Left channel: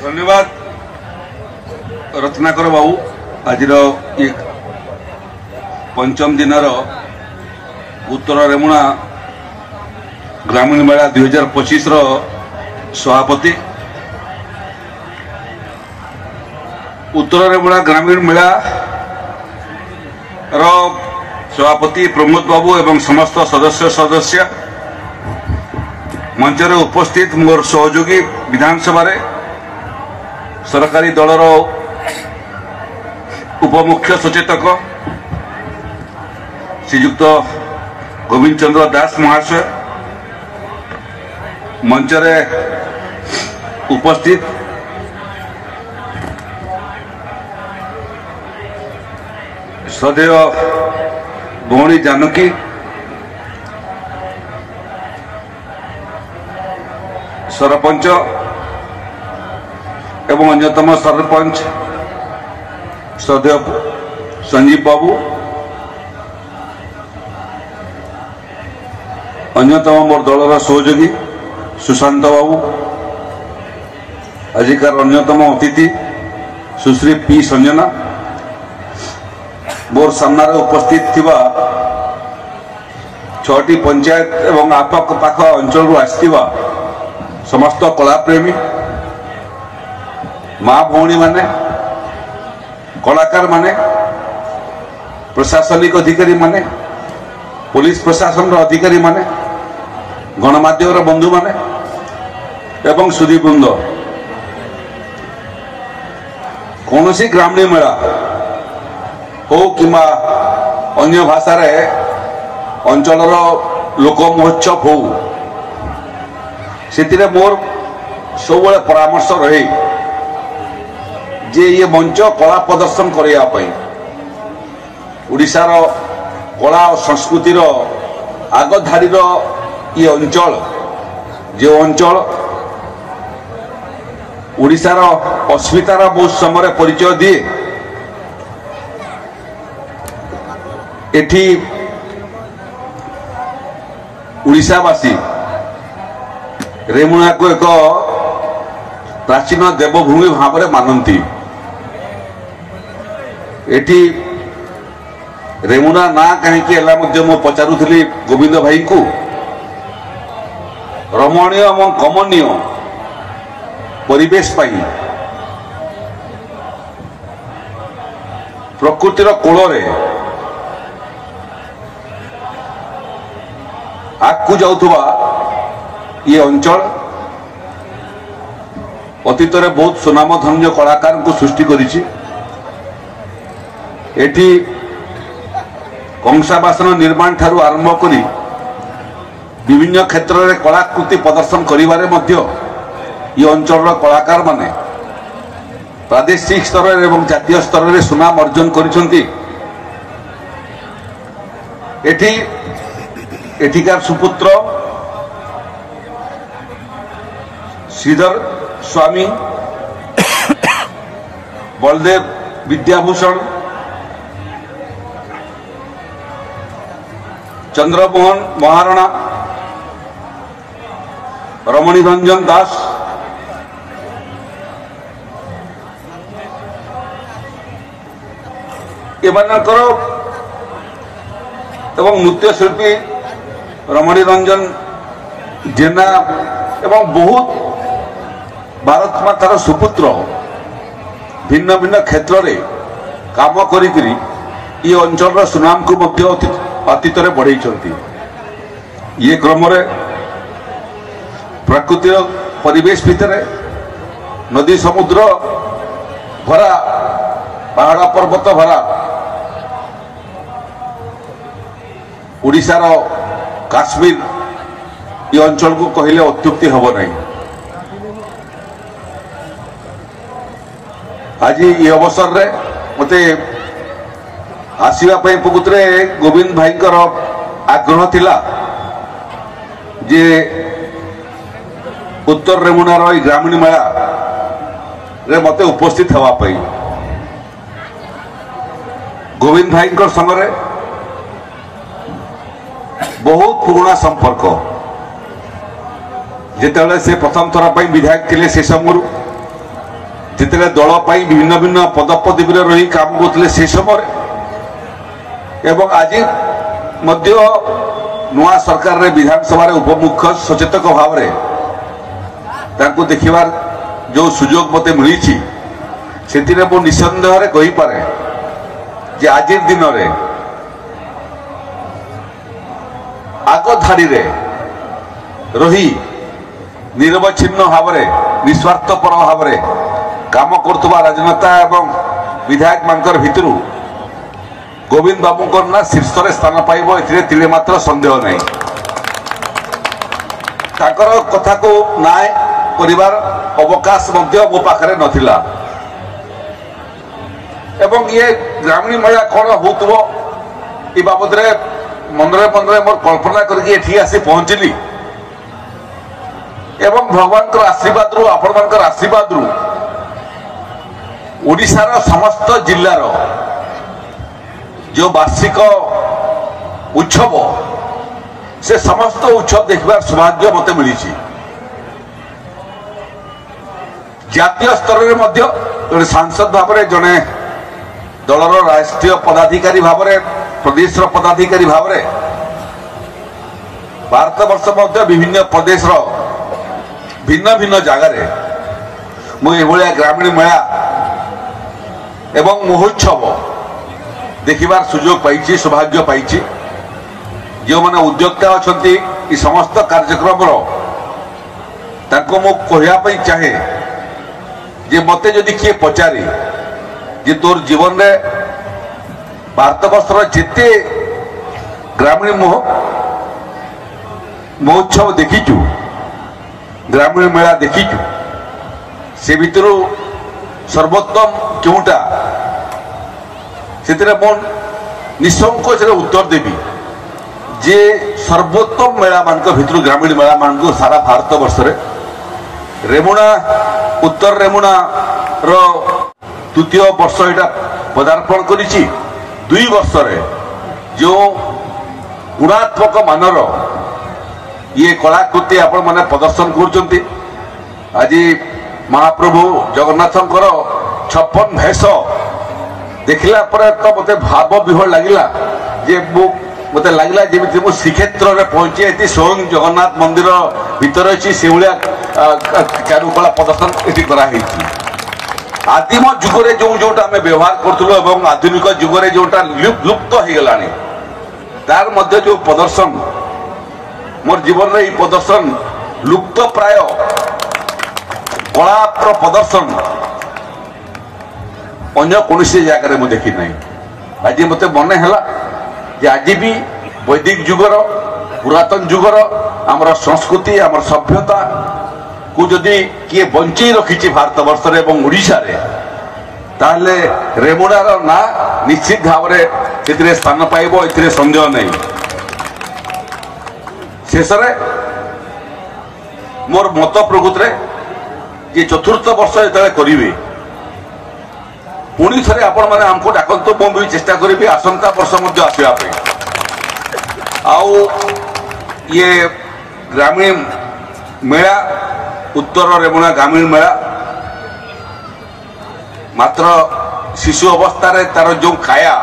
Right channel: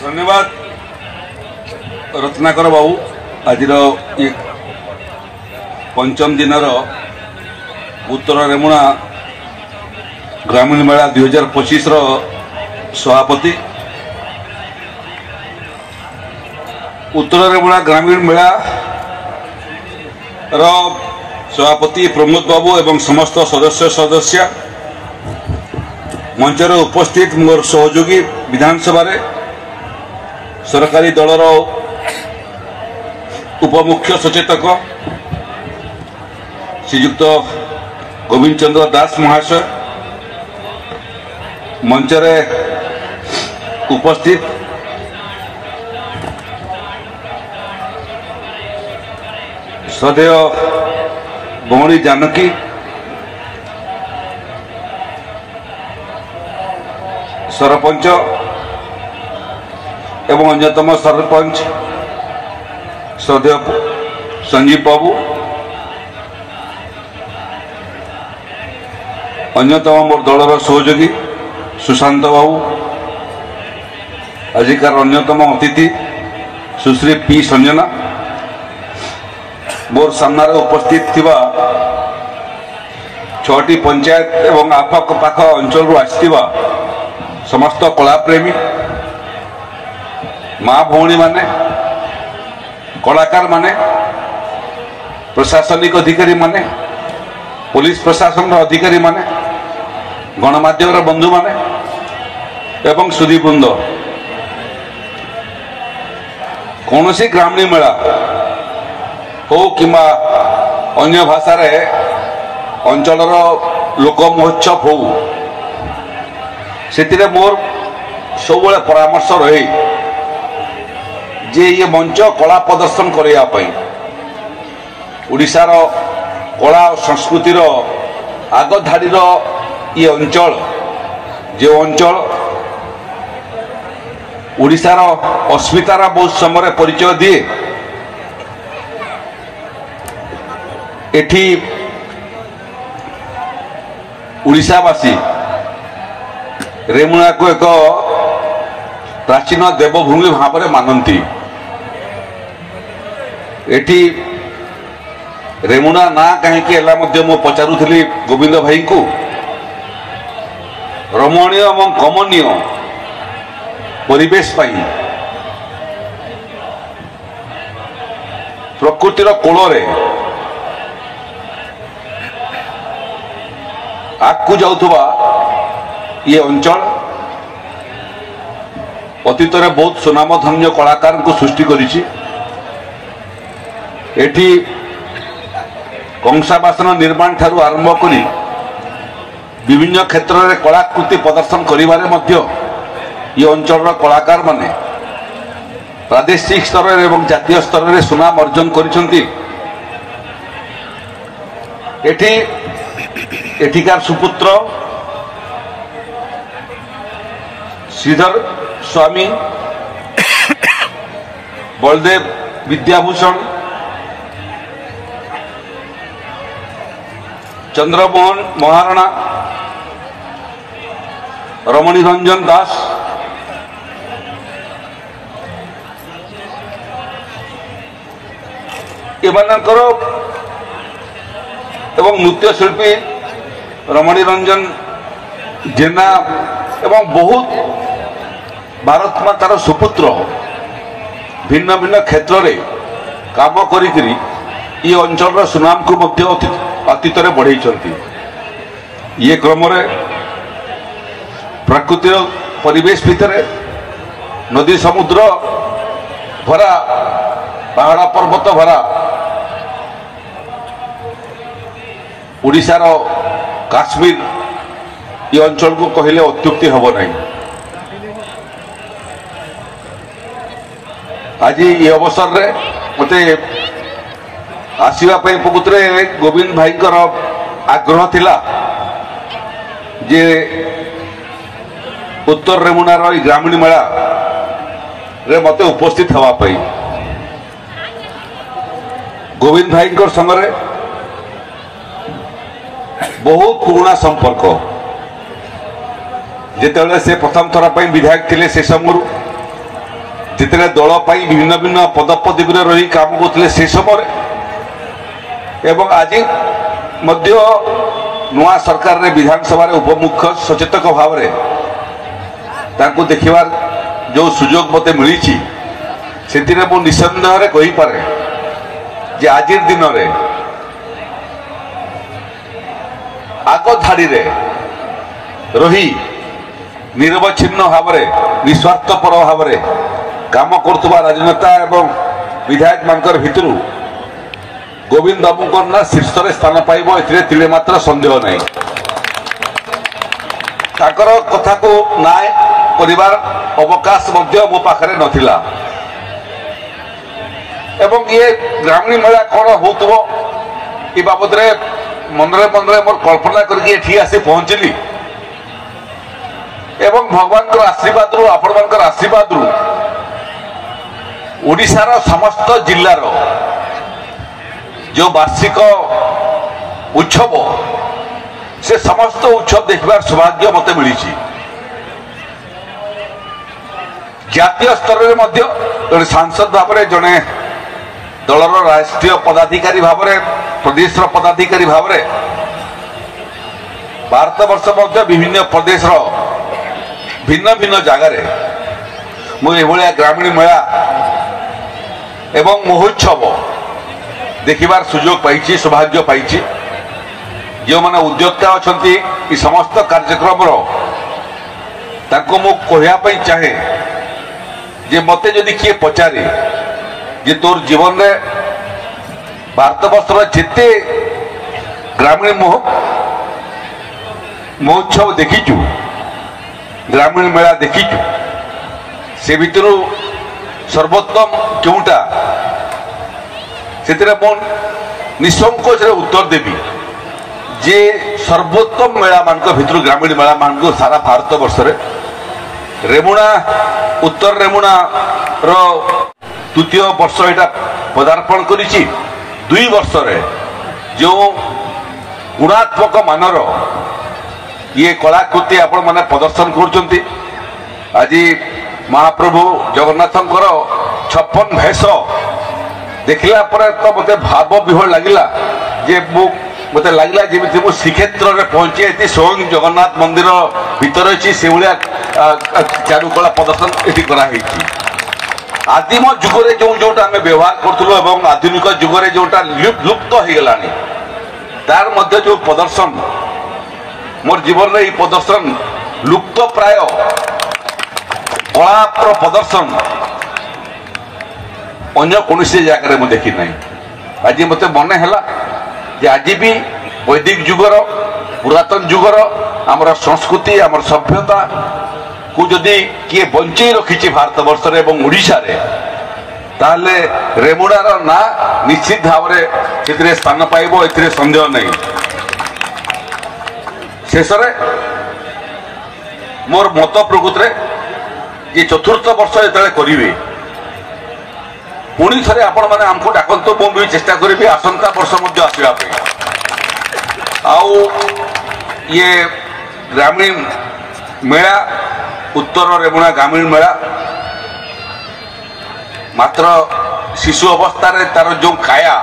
धन्यवाद रत्नाकर बाबू। आज पंचम दिन उत्तर रेमुणा ग्रामीण मेला 2025 सभापति उत्तर रेमुणा ग्रामीण मेला सभापति प्रमोद बाबू एवं समस्त सदस्य मंचर उपस्थित मोर सहयोगी विधानसभा सरकारी दलर उपमुख्य सचेतक श्रीयुक्त गोविंद चंद्र दास महाशय, मंचरे उपस्थित श्रद्धेय भौणी जानकी, सरपंच एवं अन्यतम सरपंच श्रद्धेय संजीव बाबू, अन्यतम मोर दलर सहयोगी सुशांत बाबू, आजिकार अन्यतम अतिथि सुश्री पी संजना, मोर सामने उपस्थित थिबा 6टी पंचायत एवं आपाख पाख अंचल आसथिबा समस्त कलाप्रेमी माँ भौणी माने, कलाकार माने, प्रशासनिक अधिकारी माने, पुलिस प्रशासन अधिकारी माने, गणमाध्यम बंधु माने एवं सुधीवृंद, कौन सी ग्रामीण मेला हो कि अन्य भाषा अंचल लोक महोत्सव हो, से मोर सब परामर्श रहे जे ये मंच कला प्रदर्शन करने ओडिशार कला और संस्कृतिर आगधाड़ी ये अंचल जो अंचल ओडिशार अस्मितार बहुत समय परिचय दिए, एठी ओडिशावासी रेमुणा को एक प्राचीन देवभूमि भाव में मानती। एठी रेमुणा ना कहीं मु पचारुली गोविंद भाई को रमणीय एवं कमनीय परिवेश पाई प्रकृतिर कोल आगू जाउथबा ये अंचल अतीत में बहुत सुनामधन्य कलाकार को सृष्टि करिछि। एठी कंसा बासन निर्माण ठारू आरंभ करी विभिन्न क्षेत्र में कलाकृति प्रदर्शन करिबारे मध्य ये अंचल कलाकार माने प्रादेशिक स्तर एवं जातीय स्तर में सुनाम अर्जन करिसेंती। एठिकार सुपुत्र श्रीधर स्वामी, बलदेव विद्याभूषण, चंद्रमोहन महाराणा, रमणी रंजन दास, एमानकर एवं नृत्य शिल्पी रमणी रंजन जेना एवं बहुत भारत मातार सुपुत्र भिन्न भिन्न क्षेत्र में काम करी ये अंचल सुनाम को अतीत में बढ़ई। ये क्रम प्राकृतिक परिवेश भितर नदी समुद्र भरा पहाड़ पर्वत भरा ओडिशार काश्मीर ये अंचल को कहले अत्युक्ति हब नहीं। आज ये अवसर रे मते आसवाई प्रकृत गोविंद भाई आग्रह थिला जे उत्तर रेमुणार ग्रामीण मेला रे मते उपस्थित हवा पाई। गोविंद भाई संगे बहुत पुराना संपर्क जिते से प्रथम थर विधायक थे से समय जितने दल भिन्न भिन्न पदपदवी रही काम करते से समय एवं आज नुआ सरकार रे विधानसभा उपमुख्य सचेतक भाव में देखिबार जो सुजोग मते मिली से निसंदेह कहीपे जे आज दिन में आग धाड़ी रही निरवच्छिन्न भाव निस्वार्थपर भाव काम करुवा राजनेता एवं विधायक मानकर भितरु गोविंद बाबू ना शीर्ष स्थान पाइब ए मात्र संदेह नहीं। ताकर कथा को नाय परिवार अवकाश मो पाखरे नथिला एवं ये ग्रामीण मेला कौन होतबो ए बाबद रे मनरे मनरे मोर कल्पना करके एठी आसी पहुंचली एवं भगवान को आशीर्वाद रु आपण मानकर आशीर्वाद रु ओडिशार समस्त जिल्लार जो वार्षिक उत्सव से समस्त उत्सव देखबार सौभाग्य मते मिली जातीय स्तर में जड़े सांसद भाव में जड़े दलर राष्ट्रीय पदाधिकारी भाव में प्रदेश पदाधिकारी भाव में भारत वर्ष विभिन्न प्रदेश भिन्न भिन्न जगार मुझे ग्रामीण मेला एवं महोत्सव देखिबार सुजोग पाई सौभाग्य पाई जो मैंने उद्योक्ता अच्छा समस्त कार्यक्रम कहवाई चाहे जे मते जदि किए पचारे जे तोर जीवन में भारत वर्षर जिते ग्रामीण महोत्सव देखीचु ग्रामीण मेला देखीचु से भितर सर्वोत्तम क्योंटा से निसंकोच उत्तर देवी जे सर्वोत्तम मेला मान भितर ग्रामीण मेला मान सारा भारत वर्ष रेमुणा उत्तर रेमुणा तृतीय वर्ष यहाँ पदार्पण कर 2 वर्ष जो गुणात्मक मानर ये कलाकृति आपण माने प्रदर्शन कर आज महाप्रभु जगन्नाथंकर 56 भेष देखला पर तो मते भाव विह्वल लगिला जे मते लगिला जेमिति मु श्रीक्षेत्र में पहुंची स्वयं जगन्नाथ मंदिर भीतर अच्छी से भाया चारुकला प्रदर्शन ये कराई आदिम जुगरे जो जोटा आम व्यवहार करूँ एवं आधुनिक जुगरे जोटा लुप्त हो गला तार मध्य जो प्रदर्शन मोर जीवन में प्रदर्शन लुप्त प्राय कला प्रदर्शन अन्य कौन जगह मुझे देखी ना आज मत मन है आज भी वैदिक जुगर पुरातन जुगर आमर संस्कृति आमर सभ्यता को जदि किए बंचई रखी भारत वर्ष ओडिशा ताले रेमुणार ना निश्चित भाव में स्थान पाइब ए संदेह नहीं। शेष मोर मत प्रकृत ये चतुर्थ वर्ष जो करेंगे पुणी थे आपण मैंने आमको डाकतु मुझे चेष्टा करी आसंता वर्ष आसवाई आउ ये ग्रामीण मेला उत्तर रेमुणा ग्रामीण मेला मात्र शिशु अवस्था तार जो काया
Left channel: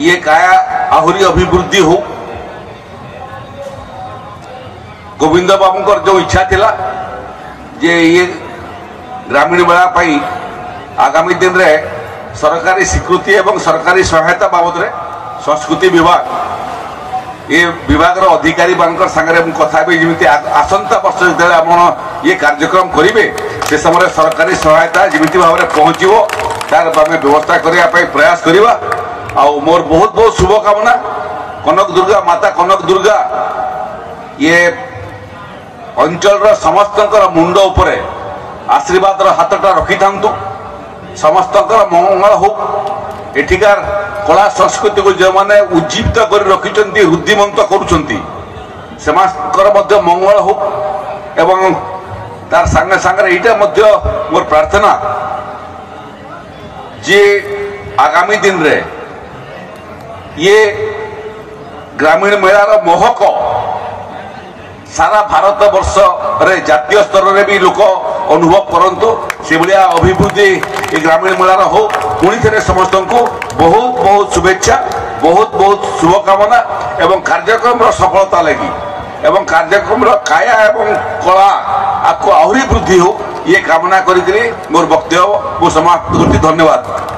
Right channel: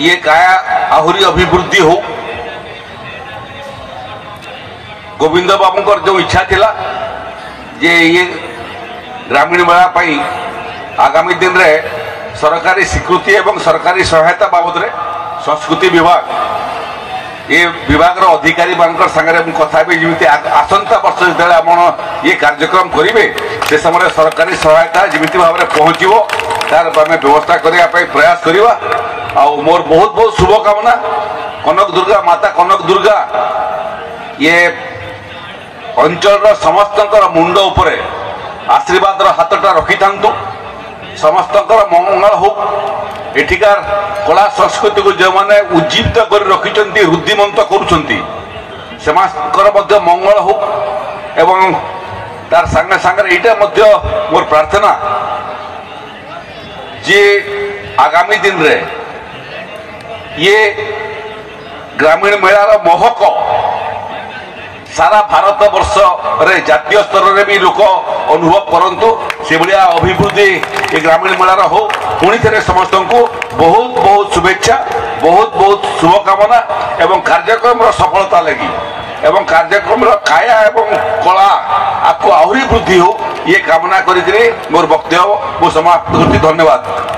ये काया आहुरी अभिवृद्धि हो गोविंद बाबू जो इच्छा थिला जे ये ग्रामीण मेला पाई आगामी दिन में सरकारी स्वीकृति एवं सरकारी सहायता बाबद संस्कृति विभाग ये विभाग अधिकारी मान संगे कथा भी जमी आसंता वर्ष जो आप ये कार्यक्रम करेंगे से समय सरकारी सहायता जमी भाव में पहुँचो तार आम व्यवस्था करने प्रयास करवा मोर बहुत बहुत शुभकामना कनक दुर्गा माता कनक दुर्गा ये अंचल समस्त मुंड उपर आशीर्वाद हाथटा रखी था समस्त मंगल हो एठिकार कला संस्कृति को जो मैंने उज्जीवित कर रखिंट रुद्धिमंत कर मंगल हो एवं तार सांगे सांगे यहाँ मोर प्रार्थना जे आगामी दिन रे ये ग्रामीण मेलार महक सारा भारत वर्ष रे जातीय स्तर रे भी लोक अनुभव करंतु से भलिया अभिवृद्धि ग्रामीण मेलार हो पुणी थे समस्त को बहुत बहुत शुभेच्छा बहुत बहुत शुभकामना एवं कार्यक्रम सफलता लगी एवं कार्यक्रम काया एवं कला आपको आहरी वृद्धि हो ये कामना करी मोर वक्तव्य को समाप्त करती। धन्यवाद।